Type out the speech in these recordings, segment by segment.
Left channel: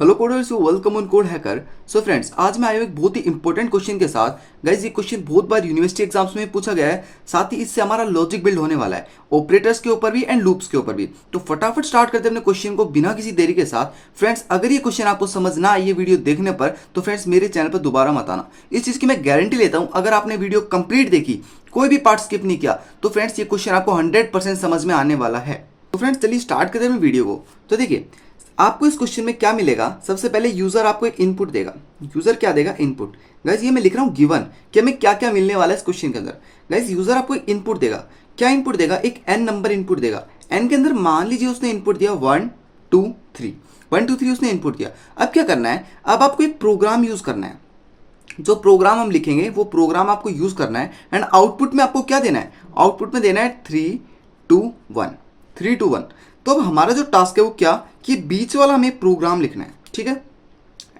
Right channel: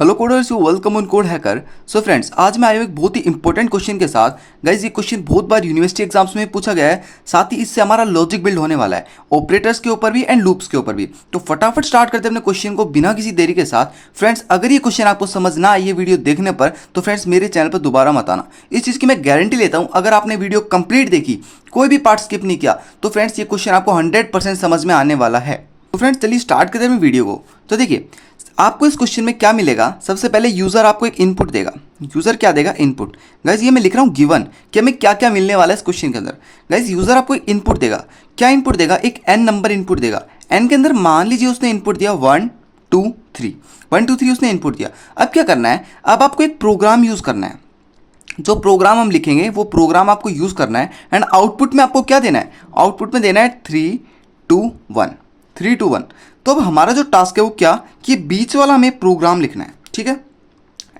Hello coders, you welcome on code hacker. So friends, आज मैं आया हूं एक बहुत ही इंपॉर्टेंट क्वेश्चन के साथ। गाइज, ये क्वेश्चन बहुत बार यूनिवर्सिटी एग्जाम्स में पूछा गया है, साथ ही इससे हमारा लॉजिक बिल्ड होने वाला है, ऑपरेटर्स के ऊपर भी एंड लूप्स के ऊपर भी। तो फटाफट स्टार्ट करते हैं अपने क्वेश्चन को बिना किसी देरी के साथ। फ्रेंड्स, अगर ये क्वेश्चन आपको समझ ना आए ये वीडियो देखने पर, तो फ्रेंड्स मेरे चैनल पर दोबारा मत आना। इस चीज़ की मैं गारंटी लेता हूँ, अगर आपने वीडियो कंप्लीट देखी, कोई भी पार्ट स्किप नहीं किया, तो फ्रेंड्स ये क्वेश्चन आपको 100% समझ में आने वाला है। तो फ्रेंड्स चलिए स्टार्ट करते हैं वीडियो को। तो देखिए, आपको इस क्वेश्चन में क्या मिलेगा। सबसे पहले यूजर आपको एक इनपुट देगा। यूजर क्या देगा? इनपुट। गाइज, ये मैं लिख रहा हूँ गिवन कि हमें क्या क्या मिलने वाला है इस क्वेश्चन के अंदर। गाइज, यूजर आपको एक इनपुट देगा। क्या इनपुट देगा? एक एन नंबर इनपुट देगा। एन के अंदर मान लीजिए उसने इनपुट दिया 1 2 3। 1 2 3 उसने इनपुट दिया। अब क्या करना है? अब आपको एक प्रोग्राम यूज करना है। जो प्रोग्राम हम लिखेंगे वो प्रोग्राम आपको यूज करना है एंड आउटपुट में आपको क्या देना है? आउटपुट में देना है 3 2 1। 3 2 1। तो अब हमारा जो टास्क है वो क्या, कि बीच वाला हमें प्रोग्राम लिखना है, ठीक है।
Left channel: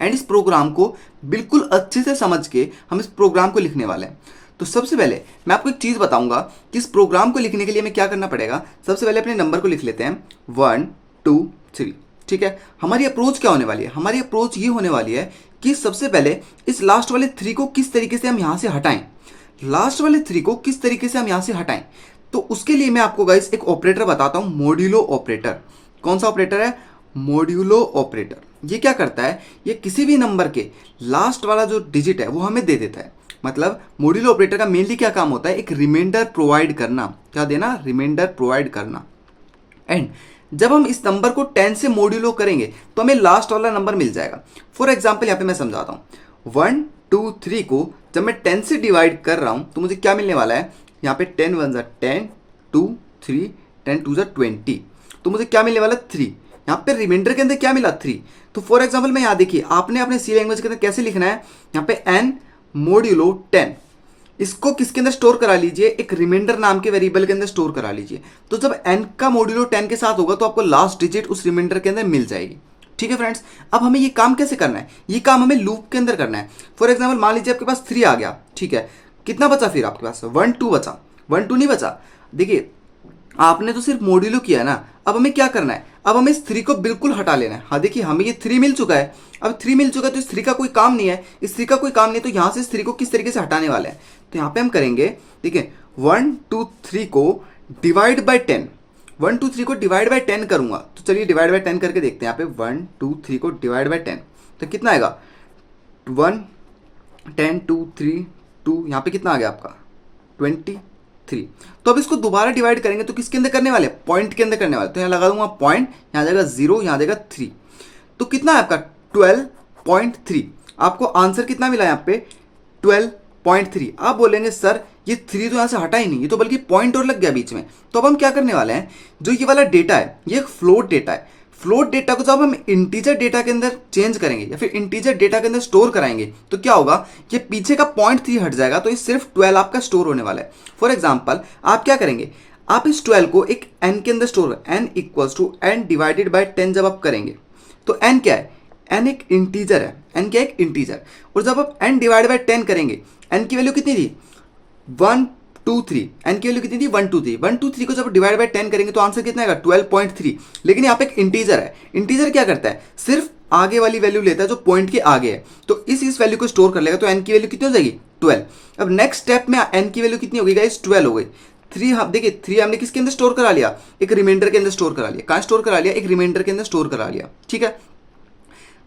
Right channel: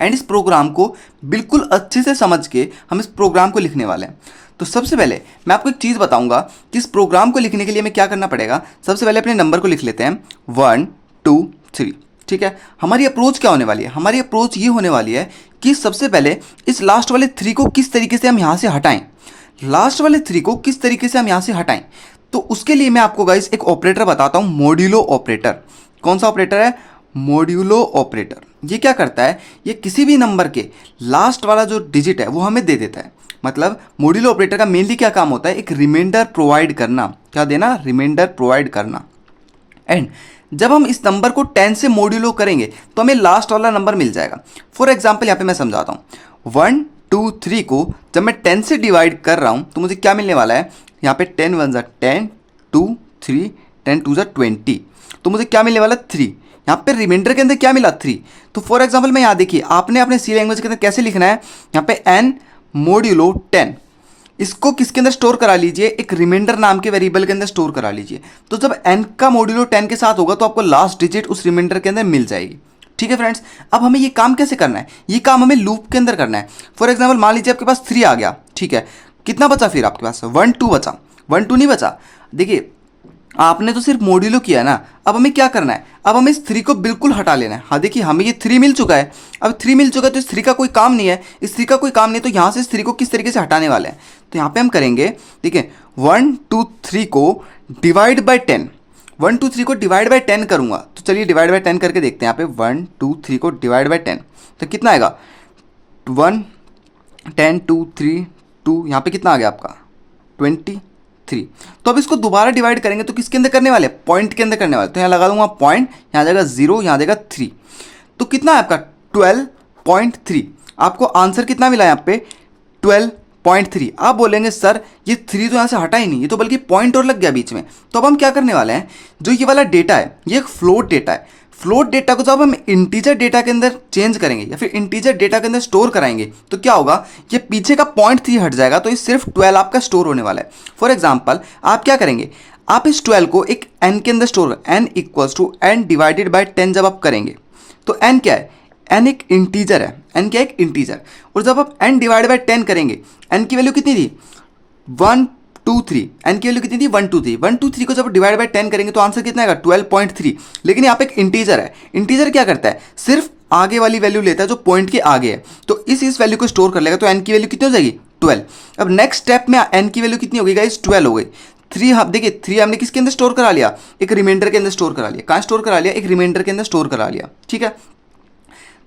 एंड इस प्रोग्राम को बिल्कुल अच्छे से समझ के हम इस प्रोग्राम को लिखने वाले हैं। तो सबसे पहले मैं आपको एक चीज़ बताऊंगा कि इस प्रोग्राम को लिखने के लिए हमें क्या करना पड़ेगा। सबसे पहले अपने नंबर को लिख लेते हैं 1 2 3, ठीक है। हमारी अप्रोच क्या होने वाली है? हमारी अप्रोच ये होने वाली है कि सबसे पहले इस लास्ट वाले 3 को किस तरीके से हम यहाँ से हटाएं। लास्ट वाले 3 को किस तरीके से हम यहाँ से हटाएं, तो उसके लिए मैं आपको गाइस एक ऑपरेटर बताता हूँ, मॉड्यूलो ऑपरेटर। कौन सा ऑपरेटर है? Modulo operator. ये क्या करता है? ये किसी भी नंबर के लास्ट वाला जो डिजिट है वो हमें दे देता है। मतलब मॉड्यूलो ऑपरेटर का मेनली क्या काम होता है? एक रिमाइंडर प्रोवाइड करना। क्या देना? रिमाइंडर प्रोवाइड करना। एंड जब हम इस नंबर को 10 से मॉड्यूलो करेंगे तो हमें लास्ट वाला नंबर मिल जाएगा। फॉर एग्जाम्पल यहाँ पे मैं समझाता हूँ। 1 2 3 को जब मैं 10 से डिवाइड कर रहा हूँ तो मुझे क्या मिलने वाला है? यहाँ पे 10 1 ज़ा 10 2 3 10 2 ज़ा 20। तो मुझे क्या मिलने वाला? 3। यहाँ पे रिमाइंडर के अंदर क्या मिला? 3। तो फॉर एग्जाम्पल मैं यहाँ देखिए, आपने अपने सी लैंग्वेज के अंदर कैसे लिखना है? यहाँ पे n मॉड्यूलो 10, इसको किसके अंदर स्टोर करा लीजिए? एक रिमाइंडर नाम के वेरिएबल के अंदर स्टोर करा लीजिए। तो जब n का मॉड्यूलो 10 के साथ होगा तो आपको लास्ट डिजिट उस रिमाइंडर के अंदर मिल जाएगी, ठीक है फ्रेंड्स। अब हमें ये काम कैसे करना है? ये काम हमें लूप के अंदर करना है। फॉर एग्जाम्पल मान लीजिए आपके पास 3 आ गया, ठीक है। कितना बचा फिर आपके पास? 1 2 बचा। 1 2 नहीं बचा। देखिए, आपने तो सिर्फ मॉड्यूलो किया ना। अब हमें क्या करना है? अब हमें इस 3 को बिल्कुल हटा लेना है। हाँ देखिए, हमें ये 3 मिल चुका है। अब 3 मिल चुका है तो इस 3 का कोई काम नहीं है। इस 3 का कोई काम नहीं है, तो यहाँ से इस 3 को किस तरीके से हटाने वाले हैं? तो यहाँ पे हम करेंगे, देखिए 1 2 3 को डिवाइड बाई 10। 1 2 3 को डिवाइड बाई 10 करूँगा। तो चलिए डिवाइड बाई 10 करके देखते हैं। यहाँ पे 1 2 3 को डिवाइड बाई 10 तो कितना आएगा? 1 10 2 3 2, यहाँ पे कितना आ गया आपका? 23। तो अब इसको दोबारा डिवाइड करेंगे तो किसके अंदर करने वाले? पॉइंट के अंदर करने वाले। तो यहाँ लगा दूंगा पॉइंट, यहाँ जाएगा 0, यहाँ जाएगा 3। तो कितना है आपका? 12.3। आपको आंसर कितना मिला यहाँ पे? 12.3। आप बोलेंगे सर ये 3 तो यहाँ से हटा ही नहीं, ये तो बल्कि पॉइंट और लग गया बीच में। तो अब हम क्या करने वाले हैं? जो ये वाला डेटा है ये एक फ्लोट डेटा है। फ्लोट डेटा को जब हम इंटीजर डेटा के अंदर चेंज करेंगे या फिर इंटीजर डेटा के अंदर स्टोर कराएंगे तो क्या होगा? ये पीछे का 0.3 हट जाएगा, तो ये सिर्फ 12 आपका स्टोर होने वाला है। फॉर एग्जाम्पल आप क्या करेंगे? आप इस 12 को एक n के अंदर store, n equals to n divided by 10 जब आप करेंगे तो n क्या है? n एक इंटीजर है। n क्या है? एक इंटीजर। और जब आप n डिवाइड बाई 10 करेंगे, n की वैल्यू कितनी थी? 1 2 3। n की वैल्यू कितनी थी? 1 2 3। 1 2 3 को जब डिवाइड बाय 10 करेंगे तो आंसर कितना आएगा? 12.3। लेकिन यहाँ पे एक इंटीजर है। इंटीजर क्या करता है? सिर्फ आगे वाली वैल्यू लेता है जो पॉइंट के आगे है। तो इस वैल्यू को स्टोर कर लेगा, तो n की वैल्यू कितनी हो जाएगी? 12। अब नेक्स्ट स्टेप में n की वैल्यू कितनी होगी गाइस? 12 हो गई। 3 हम देखिए, 3 हमने किसके अंदर स्टोर करा लिया? एक रिमाइंडर के अंदर स्टोर करा लिया। कहाँ स्टोर करा लिया? एक रिमाइंडर के अंदर स्टोर करा लिया, ठीक है।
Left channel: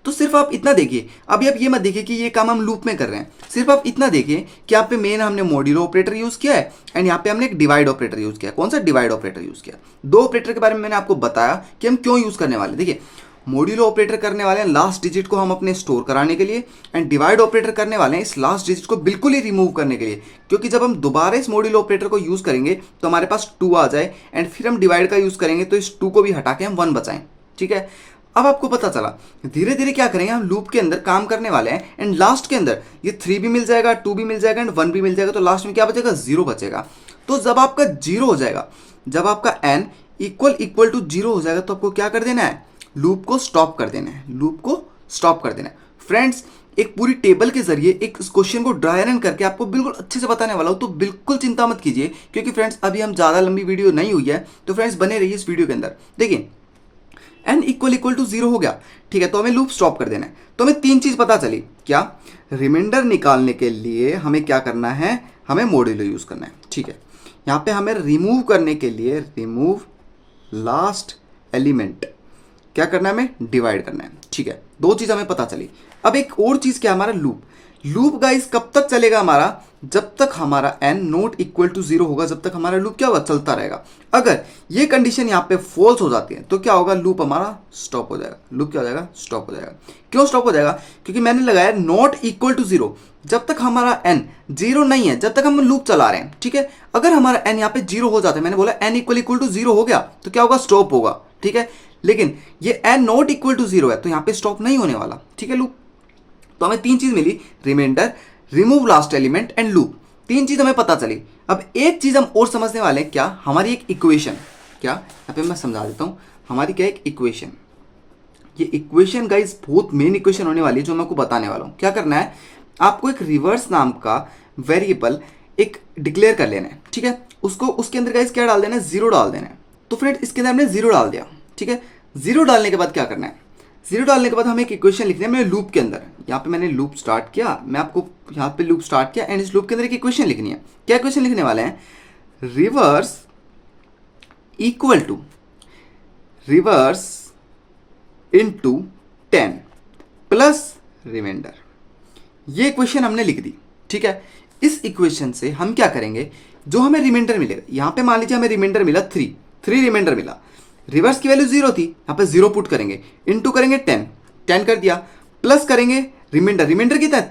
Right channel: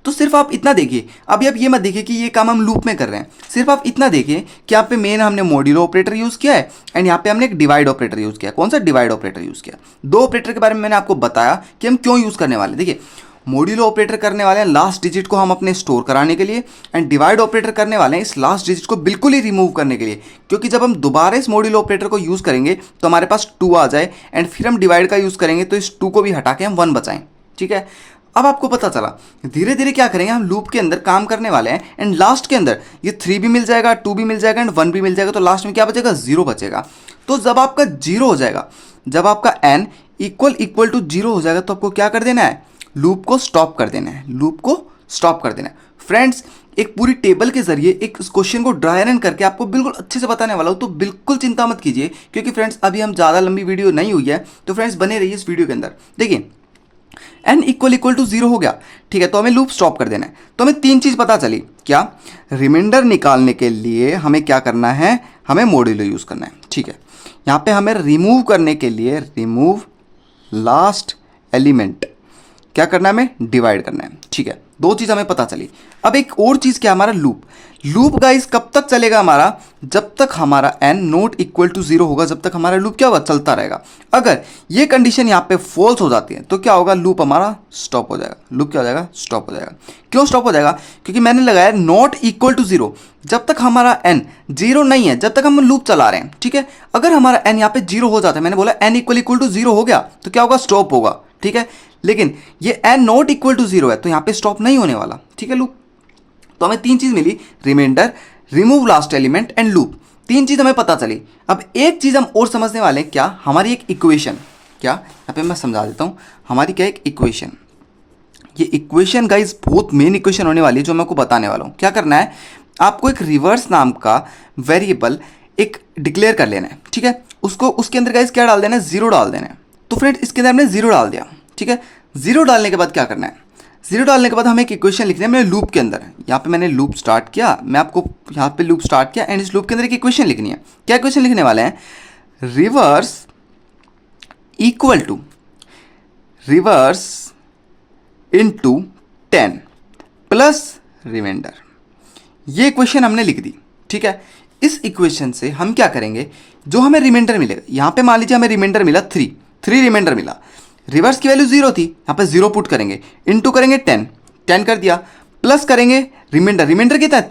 तो सिर्फ आप इतना देखिए। अभी आप ये मत देखिए कि ये काम हम लूप में कर रहे हैं। सिर्फ आप इतना देखिए कि यहाँ पे मेन हमने मॉड्यूलो ऑपरेटर यूज़ किया है एंड यहाँ पे हमने एक डिवाइड ऑपरेटर यूज़ किया। कौन सा? डिवाइड ऑपरेटर यूज़ किया। दो ऑपरेटर के बारे में मैंने आपको बताया कि हम क्यों यूज़ करने वाले। देखिए, मॉड्यूलो ऑपरेटर करने वाले हैं लास्ट डिजिट को हम अपने स्टोर कराने के लिए, एंड डिवाइड ऑपरेटर करने वाले हैं इस लास्ट डिजिट को बिल्कुल ही रिमूव करने के लिए। क्योंकि जब हम दोबारा इस मॉड्यूलो ऑपरेटर को यूज़ करेंगे तो हमारे पास 2 आ जाए, एंड फिर हम डिवाइड का यूज़ करेंगे तो इस 2 को भी हटा के हम 1 बचाएं, ठीक है। अब आपको पता चला, धीरे धीरे क्या करेंगे? हम लूप के अंदर काम करने वाले हैं एंड लास्ट के अंदर ये 3 भी मिल जाएगा, 2 भी मिल जाएगा एंड 1 भी मिल जाएगा। तो लास्ट में क्या बचेगा? 0 बचेगा। तो जब आपका 0 हो जाएगा, जब आपका n इक्वल टू 0 हो जाएगा तो आपको क्या कर देना है? लूप को स्टॉप कर देना है। लूप को स्टॉप कर देना है। फ्रेंड्स, एक पूरी टेबल के जरिए एक क्वेश्चन को ड्राई रन करके आपको बिल्कुल अच्छे से बताने वाला हूँ, तो बिल्कुल चिंता मत कीजिए। क्योंकि फ्रेंड्स अभी हम ज़्यादा लंबी वीडियो नहीं हुई है, तो फ्रेंड्स बने रहिए इस वीडियो के अंदर। देखिए, n इक्वल टू 0 हो गया, ठीक है, तो हमें लूप स्टॉप कर देना है। तो हमें तीन चीज़ पता चली, क्या, रिमाइंडर निकालने के लिए हमें क्या करना है, हमें मॉड्यूलो यूज़ करना है, ठीक है। यहाँ पे हमें रिमूव करने के लिए रिमूव लास्ट एलिमेंट क्या करना है, हमें डिवाइड करना है, ठीक है। दो चीज़ हमें पता चली। अब एक और चीज़ क्या, हमारा लूप। लूप गाइस कब तक चलेगा हमारा, जब तक हमारा n नॉट इक्वल टू 0 होगा, जब तक हमारा लूप क्या होगा, चलता रहेगा। अगर ये कंडीशन यहाँ पे फॉल्स हो जाती है तो क्या होगा, लूप हमारा स्टॉप हो जाएगा। लूप क्या हो जाएगा, स्टॉप हो जाएगा। क्यों स्टॉप हो जाएगा, क्योंकि मैंने लगाया नॉट इक्वल टू 0। जब तक हमारा n 0 नहीं है, जब तक हम लूप चला रहे हैं, ठीक है। अगर हमारा n यहाँ पे 0 हो जाता है, मैंने बोला n इक्वल टू 0 हो गया तो क्या होगा, स्टॉप होगा, ठीक है। लेकिन ये n नॉट इक्वल टू 0 है तो यहाँ पे स्टॉप नहीं होने वाला, ठीक है, लूप। तो हमें तीन चीज मिली, remainder, remove last element and loop. तीन चीज हमें पता चली। अब एक चीज हम और समझने वाले हैं, क्या, हमारी एक इक्वेशन, क्या, यहाँ पे मैं समझा देता हूँ, हमारी क्या एक इक्वेशन। ये इक्वेशन गाइज बहुत मेन इक्वेशन होने वाली है जो मैं आपको बताने वाला हूँ। क्या करना है, आपको एक रिवर्स नाम का वेरिएबल एक डिक्लेयर कर लेना है, ठीक है। उसको उसके अंदर गाइज क्या डाल देना है, 0 डाल देना है। तो फ्रेंड इसके अंदर हमने 0 डाल दिया, ठीक है। 0 डालने के बाद क्या करना है, 0 डालने के बाद हमें एक इक्वेशन लिखनी है मेरे लूप के अंदर। यहाँ पे मैंने लूप स्टार्ट किया, मैं आपको यहाँ पे लूप स्टार्ट किया एंड इस लूप के अंदर एक इक्वेशन लिखनी है। क्या इक्वेशन लिखने वाले हैं, reverse equal to reverse into 10 plus reminder. ये इक्वेशन हमने लिख दी, ठीक है। इस इक्वेशन से हम क्या करेंगे, जो हमें रिमाइंडर मिलेगा, यहाँ पे मान लीजिए हमें रिमाइंडर मिला 3 रिमाइंडर मिला। रिवर्स की वैल्यू 0 थी, यहाँ पे 0 पुट करेंगे, इनटू करेंगे 10 कर दिया, प्लस करेंगे रिमाइंडर कितना है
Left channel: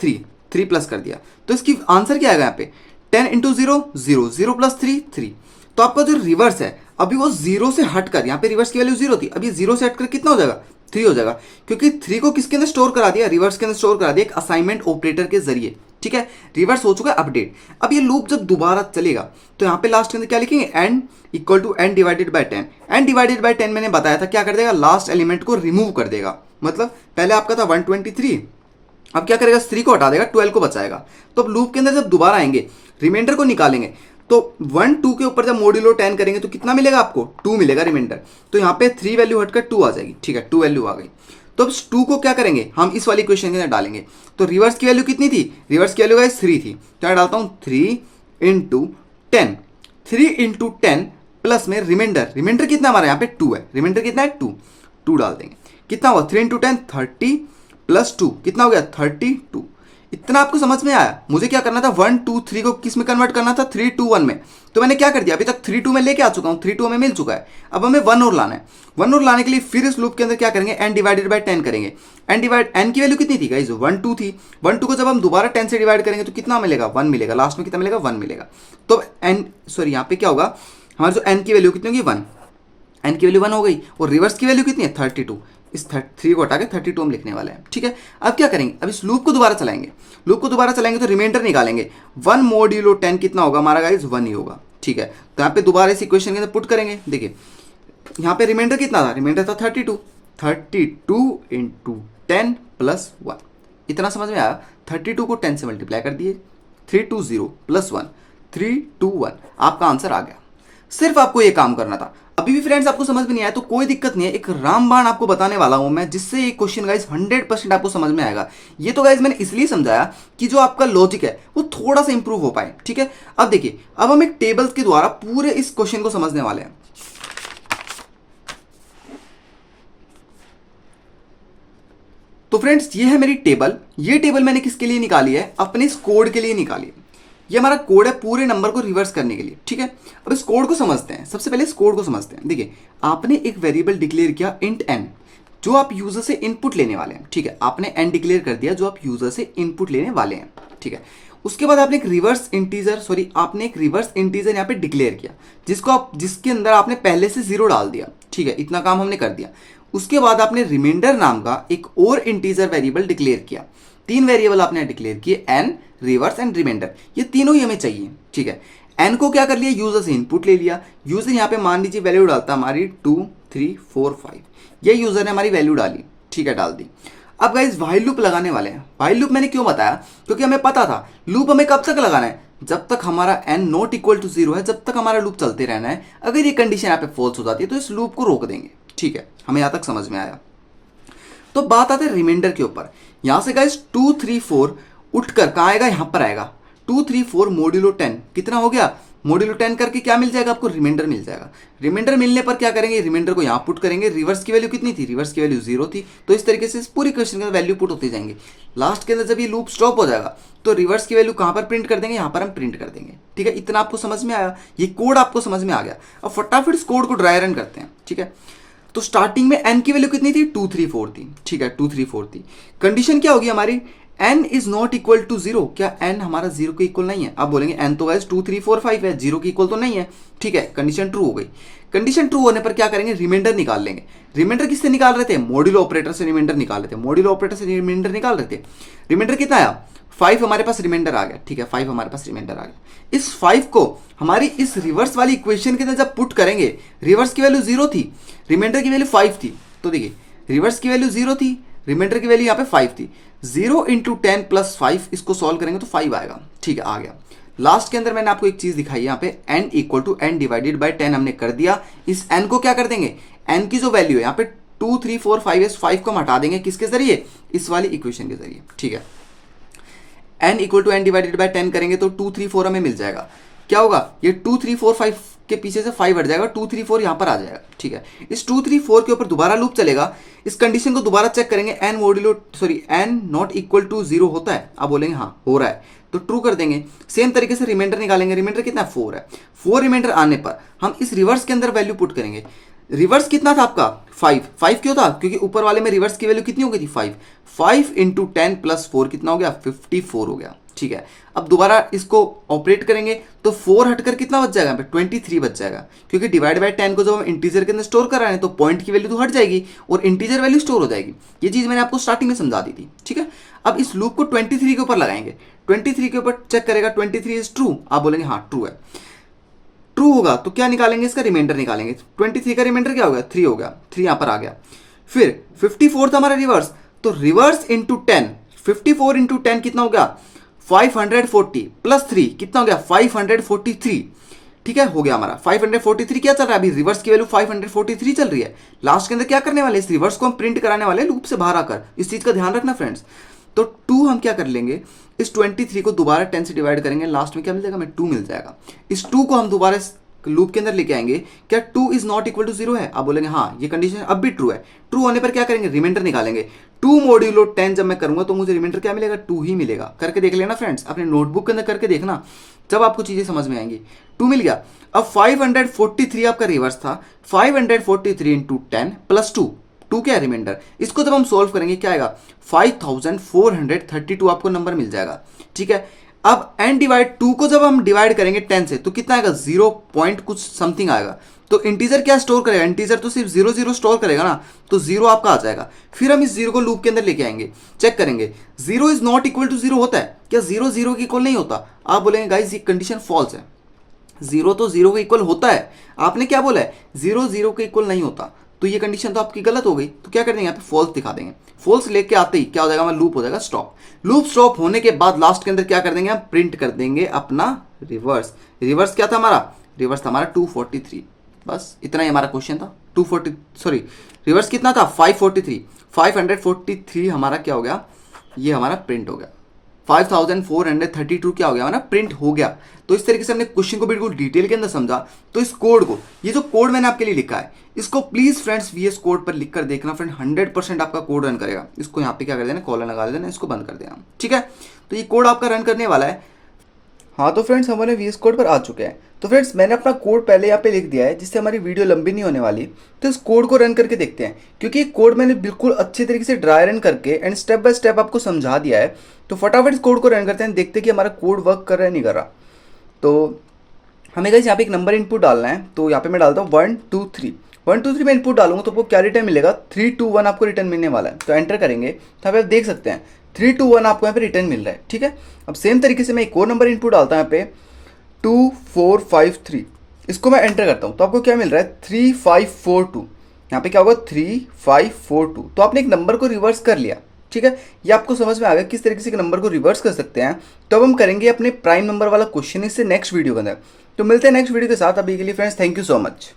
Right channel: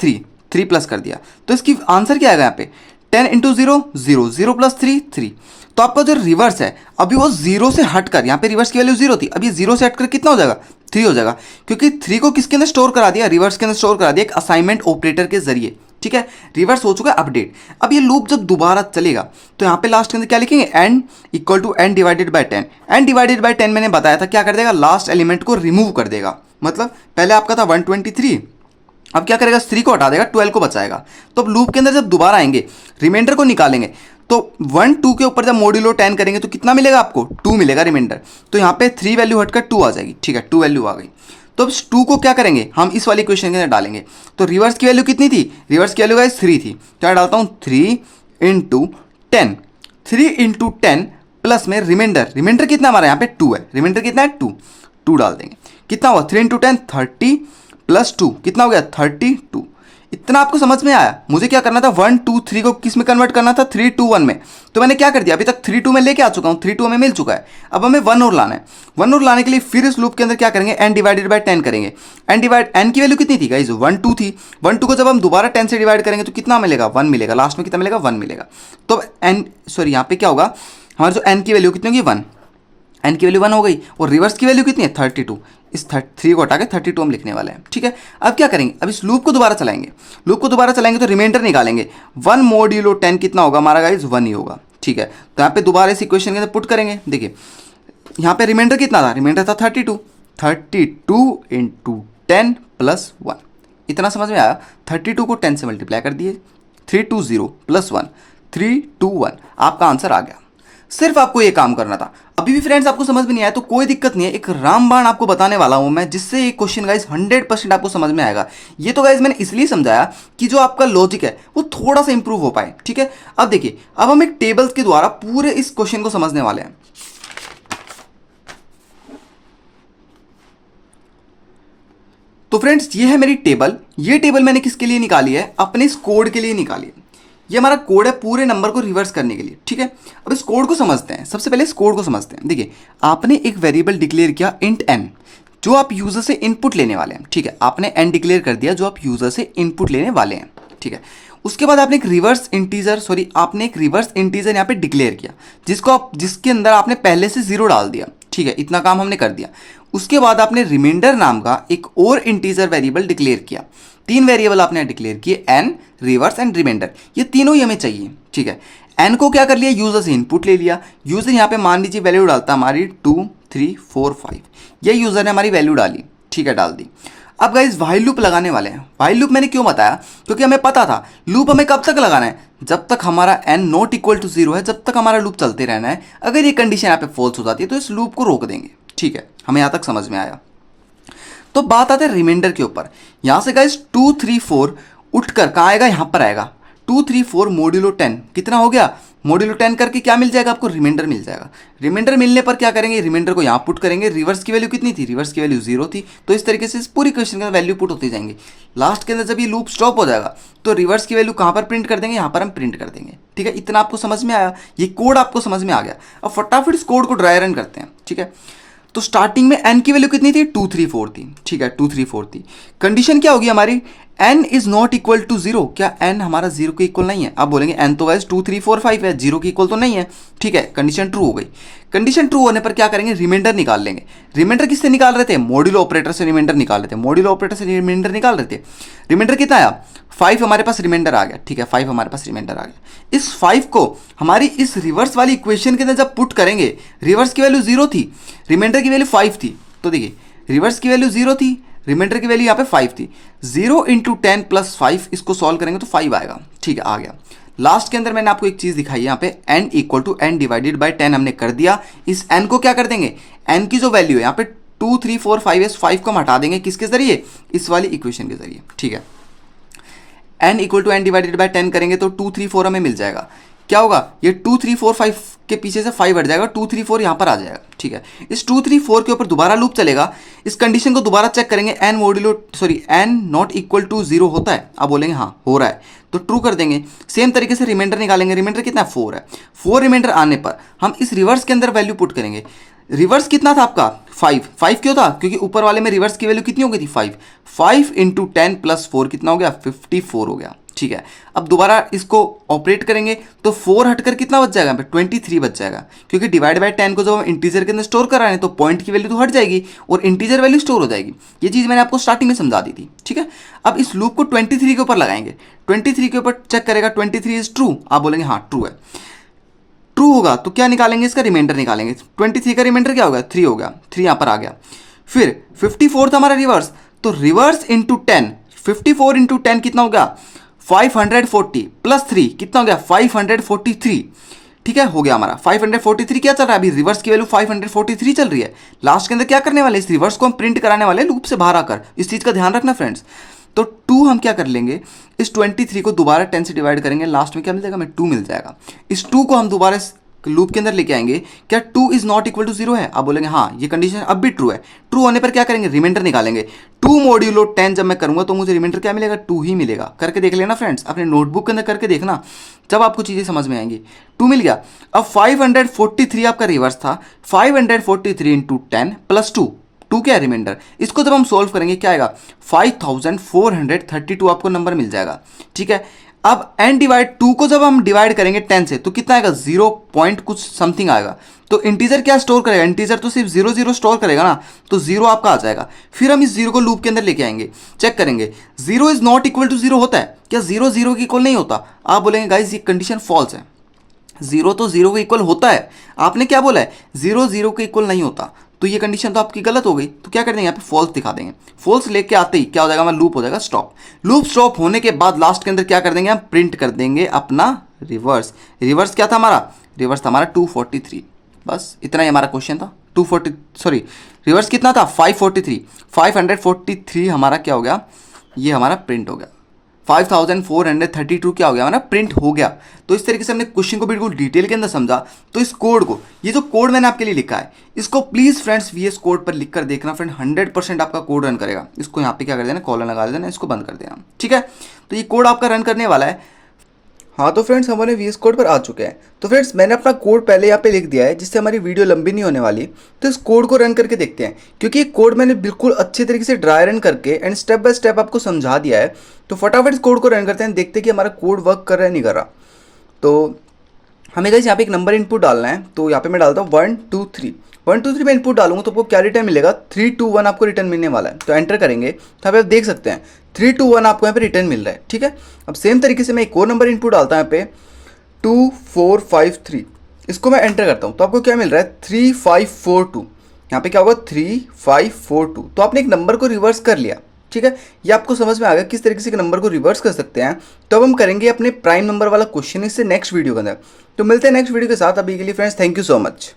3 प्लस कर दिया। तो इसकी आंसर क्या आएगा यहाँ पे, 10 इंटू 0 प्लस 3। तो आपका जो रिवर्स है अभी वो 0 से हटकर, यहाँ पे रिवर्स की वैल्यू 0 थी, अभी 0 से हटकर कितना हो जाएगा, 3 हो जाएगा। क्योंकि 3 को किसके अंदर स्टोर करा दिया, रिवर्स के अंदर स्टोर करा दिया एक असाइनमेंट ऑपरेटर के जरिए, ठीक है। रिवर्स हो चुका है अपडेट। अब ये लूप जब दोबारा चलेगा तो यहाँ पे लास्ट के अंदर क्या लिखेंगे, n equal to n divided by 10। n divided by 10 मैंने बताया था क्या कर देगा, लास्ट एलिमेंट को रिमूव कर देगा। मतलब पहले आपका था 123, अब क्या करेगा, 3 को हटा देगा, 12 को बचाएगा। तो अब लूप के अंदर जब दोबारा आएंगे, रिमाइंडर को निकालेंगे, तो 1 2 के ऊपर जब मॉड्यूलो 10 करेंगे तो कितना मिलेगा आपको, 2 मिलेगा रिमाइंडर। तो यहाँ पे 3 वैल्यू हटकर 2 आ जाएगी, ठीक है, 2 वैल्यू आ गई। तो अब 2 को क्या करेंगे, हम इस वाली इक्वेशन के अंदर डालेंगे। तो रिवर्स की वैल्यू कितनी थी, रिवर्स की वैल्यू गाइस 3 थी, तो मैं डालता हूँ 3 इंटू 10, 3 इंटू 10 प्लस में रिमाइंडर कितना हमारा यहाँ पे 2 है, रिमाइंडर कितना है 2 डाल देंगे। कितना हुआ 3 इंटू 10 30 प्लस 2 कितना हो गया 32। इतना आपको समझ में आया। मुझे क्या करना था, 1 2 3 को किस में कन्वर्ट करना था, 3 2 1 में। तो मैंने क्या कर दिया, अभी तक 3 2 में लेके आ चुका हूँ, 3 2 हमें मिल चुका है। अब हमें 1 और लाना है। 1 और लाने के लिए फिर इस लूप के अंदर क्या करेंगे, n डिवाइडेड बाय 10 करेंगे। n की वैल्यू कितनी थी गाइस, 1 2 थी। 1 2 को जब हम दोबारा 10 से डिवाइड करेंगे तो कितना मिलेगा, 1 मिलेगा। लास्ट में कितना मिलेगा, 1 मिलेगा। तो यहाँ पे क्या होगा, हमारे जो n की वैल्यू कितनी होगी, 1। n की वैल्यू 1 हो गई और रिवर्स की वैल्यू कितनी है 32। इस 3 को हटा के 32 हम लिखने वाले हैं, ठीक है। अब क्या करेंगे, अब इस लूप को दोबारा चलाएंगे, तो रिमाइंडर निकालेंगे। 1 मॉड्यूलो 10 कितना होगा हमारा गाइस, 1 ही होगा, ठीक है। तो यहाँ पे दोबारा इस इक्वेशन के अंदर पुट करेंगे। देखिए यहाँ पे रिमाइंडर कितना था, रिमाइंडर था 32 इंटू 10 प्लस 1। इतना समझ में आया। 32 को 10 से मल्टीप्लाई कर दिए, 320 प्लस 1 321, आपका आंसर आ गया। सिर्फ आपको ये काम करना था। अभी भी फ्रेंड्स आपको समझ में नहीं आया तो कोई दिक्कत नहीं है, एक रामबाण आपको बताने वाला हूं मैं, जिससे ये क्वेश्चन गाइज 100% आपको समझ में आएगा। ये तो गाइज मैंने इसलिए समझाया कि जो आपका लॉजिक है वो थोड़ा सा इंप्रूव हो पाए, ठीक है। अब देखिए, अब हम एक टेबल्स के द्वारा पूरे इस क्वेश्चन को समझने वाले हैं। तो फ्रेंड्स ये है मेरी टेबल। ये टेबल मैंने किसके लिए निकाली है, अपने इस कोड के लिए निकाली है। ये हमारा कोड है पूरे नंबर को रिवर्स करने के लिए, ठीक है। अब इस कोड को समझते हैं। सबसे पहले इस कोड को समझते हैं। देखिए आपने एक वेरिएबल डिक्लेयर किया इंट n, जो आप यूजर से इनपुट लेने वाले हैं, ठीक है। आपने n डिक्लेयर कर दिया जो आप यूजर से इनपुट लेने वाले हैं, ठीक है। उसके बाद आपने एक रिवर्स इंटीजर यहाँ पे डिक्लेयर किया, जिसके अंदर आपने पहले से 0 डाल दिया, ठीक है। इतना काम हमने कर दिया। उसके बाद आपने रिमाइंडर नाम का एक और इंटीजर वेरिएबल डिक्लेयर किया। 3 वेरिएबल आपने डिक्लेयर किए, n, रिवर्स एंड रिमाइंडर। ये तीनों ही हमें चाहिए, ठीक है। n को क्या कर लिया, यूजर से इनपुट ले लिया। यूजर यहाँ पे मान लीजिए वैल्यू डालता हमारी 2 3 4 5, ये यूजर ने हमारी वैल्यू डाली, ठीक है, डाल दी। अब गाइस व्हाइल लूप लगाने वाले हैं। व्हाइल लूप मैंने क्यों बताया, क्योंकि हमें पता था लूप हमें कब तक लगाना है, जब तक हमारा n नॉट इक्वल टू 0 है, जब तक हमारा लूप चलते रहना है। अगर ये कंडीशन यहाँ पे फॉल्स हो जाती है तो इस लूप को रोक देंगे, ठीक है, हमें यहाँ तक समझ में आया। तो बात आते हैं रिमाइंडर के ऊपर। यहाँ से गाइस 2 3 4 उठकर कहाँ आएगा, यहाँ पर आएगा। 2 3 4 मोड्यूलो 10 कितना हो गया, मोड्यूलो 10 करके क्या मिल जाएगा आपको, रिमाइंडर मिल जाएगा। रिमाइंडर मिलने पर क्या करेंगे, रिमाइंडर को यहाँ पुट करेंगे। रिवर्स की वैल्यू कितनी थी, रिवर्स की वैल्यू 0 थी। तो इस तरीके से इस पूरी क्वेश्चन के अंदर वैल्यू पुट होती जाएंगी। लास्ट के अंदर जब ये लूप स्टॉप हो जाएगा तो रिवर्स की वैल्यू कहाँ पर प्रिंट कर देंगे, यहाँ पर हम प्रिंट कर देंगे। ठीक है, इतना आपको समझ में आया, ये कोड आपको समझ में आ गया। अब फटाफट इस कोड को ड्राई रन करते हैं। ठीक है, तो स्टार्टिंग में n की वैल्यू कितनी थी, 2 3 4 थी। ठीक है, 2 3 4 थी। कंडीशन क्या होगी हमारी, n is not equal to 0। क्या n हमारा 0 के इक्वल नहीं है, आप बोलेंगे n तो गाइस 2 3 4 5 है, 0 के इक्वल तो नहीं है। ठीक है, कंडीशन ट्रू हो गई। कंडीशन ट्रू होने पर क्या करेंगे, रिमाइंडर निकाल लेंगे। रिमाइंडर किससे निकाल रहे थे, मॉड्यूलो ऑपरेटर से रिमाइंडर निकाल रहे थे। मॉड्यूलो ऑपरेटर से रिमाइंडर निकाल रहे थे। रिमाइंडर कितना आया, 5 हमारे पास रिमाइंडर आ गया। ठीक है, 5 हमारे पास रिमाइंडर आ गया। इस 5 को हमारी इस रिवर्स वाली इक्वेशन के अंदर जब पुट करेंगे, रिवर्स की वैल्यू 0 थी, रिमाइंडर की वैल्यू 5 थी। तो देखिए, रिवर्स की वैल्यू 0 थी, रिमाइंडर की वैल्यू यहाँ पे 5 थी। 0 इंटू 10 प्लस 5, इसको सॉल्व करेंगे तो 5 आएगा। ठीक है, आ गया। लास्ट के अंदर मैंने आपको एक चीज दिखाई, यहाँ पे n equal to n divided by 10 हमने कर दिया। इस n को क्या कर देंगे, n की जो वैल्यू है यहाँ पे 2 3 4 5 है, 5 को हम हटा देंगे किसके जरिए, इस वाली इक्वेशन के जरिए। ठीक है, n equal to n divided by 10 करेंगे तो 2 3 4 हमें मिल जाएगा। क्या होगा, ये 2 3 4 5 के पीछे से 5 हट जाएगा, 2 3 4 यहाँ पर आ जाएगा। ठीक है, इस 2 3 4 के ऊपर दोबारा लूप चलेगा। इस कंडीशन को दोबारा चेक करेंगे, n नॉट इक्वल टू 0 होता है, आप बोलेंगे हाँ हो रहा है, तो ट्रू कर देंगे। सेम तरीके से रिमाइंडर निकालेंगे। रिमाइंडर कितना है, 4 है। 4 रिमाइंडर आने पर हम इस रिवर्स के अंदर वैल्यू पुट करेंगे। रिवर्स कितना था आपका, 5 क्यों था, क्योंकि ऊपर वाले में रिवर्स की वैल्यू कितनी हो गई थी, 5 इंटू 10 प्लस 4 कितना हो गया, 54 हो गया। ठीक है, अब दोबारा इसको ऑपरेट करेंगे तो 4 हटकर कितना बच जाएगा, 23 बच जाएगा, क्योंकि डिवाइड बाय 10 को जब हम इंटीजर के अंदर स्टोर कर रहे हैं तो पॉइंट की वैल्यू तो हट जाएगी और इंटीजर वैल्यू स्टोर हो जाएगी। ये चीज़ मैंने आपको स्टार्टिंग में समझा दी थी। ठीक है, अब इस लूप को 23 के ऊपर लगाएंगे। 23 के ऊपर चेक करेगा, 23 इज ट्रू, आप बोलेंगे हाँ ट्रू है। ट्रू होगा तो क्या निकालेंगे, इसका रिमाइंडर निकालेंगे। 23 का रिमाइंडर क्या होगा, 3 हो गया, 3 यहाँ पर आ गया। फिर 54 था हमारा रिवर्स, तो रिवर्स इंटू 10, 54 इंटू 10 कितना हो गया, 540 प्लस 3 कितना हो गया, 543। ठीक है, हो गया हमारा 543। क्या चल रहा है अभी, रिवर्स की वैल्यू 543 चल रही है। लास्ट के अंदर क्या करने वाले, इस रिवर्स को हम प्रिंट कराने वाले लूप से बाहर आकर, इस चीज का ध्यान रखना फ्रेंड्स। तो 2 हम क्या कर लेंगे, इस 23 को दोबारा 10 से डिवाइड करेंगे, लास्ट में क्या मिल जाएगा, हमें 2 मिल जाएगा। इस 2 को हम दोबारा इस लूप के अंदर लेके आएंगे। क्या 2 इज नॉट इक्वल टू 0 है, आप बोलेंगे हाँ, ये कंडीशन अब भी ट्रू है। ट्रू होने पर क्या करेंगे, रिमाइंडर निकालेंगे। 2 मॉड्यूलो 10 जब मैं करूंगा तो मुझे रिमाइंडर क्या मिलेगा, 2 ही मिलेगा। करके देख लेना फ्रेंड्स, अपने नोटबुक के अंदर करके देखना, जब आपको चीजें समझ में आएंगी। 2 मिल गया। अब 543 आपका रिवर्स था, 543 इंटू 10 प्लस 2 क्या है, रिमाइंडर। इसको जब हम सोल्व करेंगे क्या आएगा, 5432 आपको नंबर मिल जाएगा। ठीक है, अब n डिवाइड 2 को जब हम डिवाइड करेंगे 10 से तो कितना आएगा, 0 पॉइंट कुछ समथिंग आएगा। तो इंटीजर क्या स्टोर करेगा, इंटीजर तो सिर्फ 0 0 स्टोर करेगा ना, तो 0 आपका आ जाएगा। फिर हम इस 0 को लूप के अंदर लेके आएंगे, चेक करेंगे 0 इज नॉट इक्वल टू 0 होता है क्या, 0 0 के इक्वल नहीं होता। आप बोलेंगे गाइस ये कंडीशन फॉल्स है, 0 तो 0 के इक्वल होता है। आपने क्या बोला है, 0 0 के इक्वल नहीं होता, तो ये कंडीशन तो आपकी गलत हो गई। तो क्या कर देंगे, यहाँ पे फॉल्स दिखा देंगे। फॉल्स लेके आते ही क्या हो जाएगा, हमारा लूप हो जाएगा स्टॉप। लूप स्टॉप होने के बाद लास्ट के अंदर क्या कर देंगे, हम प्रिंट कर देंगे अपना रिवर्स। रिवर्स क्या था हमारा, रिवर्स था हमारा 243। बस इतना ही हमारा क्वेश्चन था। रिवर्स कितना था, 543 हमारा क्या हो गया, ये हमारा प्रिंट हो गया। 5432 क्या हो गया, हमारा प्रिंट हो गया। तो इस तरीके से हमने क्वेश्चन को बिल्कुल डिटेल के अंदर समझा। तो इस कोड को, ये जो कोड मैंने आपके लिए लिखा है, इसको प्लीज फ्रेंड्स VS कोड पर लिख कर देखना फ्रेंड, 100% आपका कोड रन करेगा। इसको यहाँ पे क्या कर देना, कॉलर लगा देना, इसको बंद कर देना। ठीक है, तो ये कोड आपका रन करने वाला है। हाँ तो फ्रेंड्स हमारे VS कोड पर आ चुके हैं। तो फ्रेंड्स मैंने अपना कोड पहले यहाँ पे लिख दिया है, जिससे हमारी वीडियो लंबी नहीं होने वाली। तो इस कोड को रन करके देखते हैं, क्योंकि ये कोड मैंने बिल्कुल अच्छे तरीके से ड्राई रन करके एंड स्टेप बाय स्टेप आपको समझा दिया है। तो फटाफट इस कोड को रन करते हैं, देखते हैं कि हमारा कोड वर्क कर रहा है नहीं कर रहा। तो हमें गाइस यहाँ पे एक नंबर इनपुट डालना है। तो यहाँ पे मैं डालता हूँ 1 2 3। 1 2 3 में इनपुट डालूंगा तो आपको क्या रिटर्न मिलेगा, 3 2 1 आपको रिटर्न मिलने वाला है। तो एंटर करेंगे तो आप देख सकते हैं 3 2 1 आपको यहाँ पे रिटर्न मिल रहा है। ठीक है, अब सेम तरीके से मैं एक और नंबर इनपुट डालता हूँ यहाँ पे 2 4 5 3। इसको मैं एंटर करता हूँ तो आपको क्या मिल रहा है, 3 5 4 2। यहाँ पे क्या होगा, 3 5 4 2। तो आपने एक नंबर को रिवर्स कर लिया। ठीक है, ये आपको समझ में आ गया किस तरीके से नंबर को रिवर्स कर सकते हैं। तो अब हम करेंगे अपने प्राइम नंबर वाला क्वेश्चन इससे नेक्स्ट वीडियो के अंदर। तो मिलते हैं नेक्स्ट वीडियो के साथ। अभी के लिए friends thank you so much.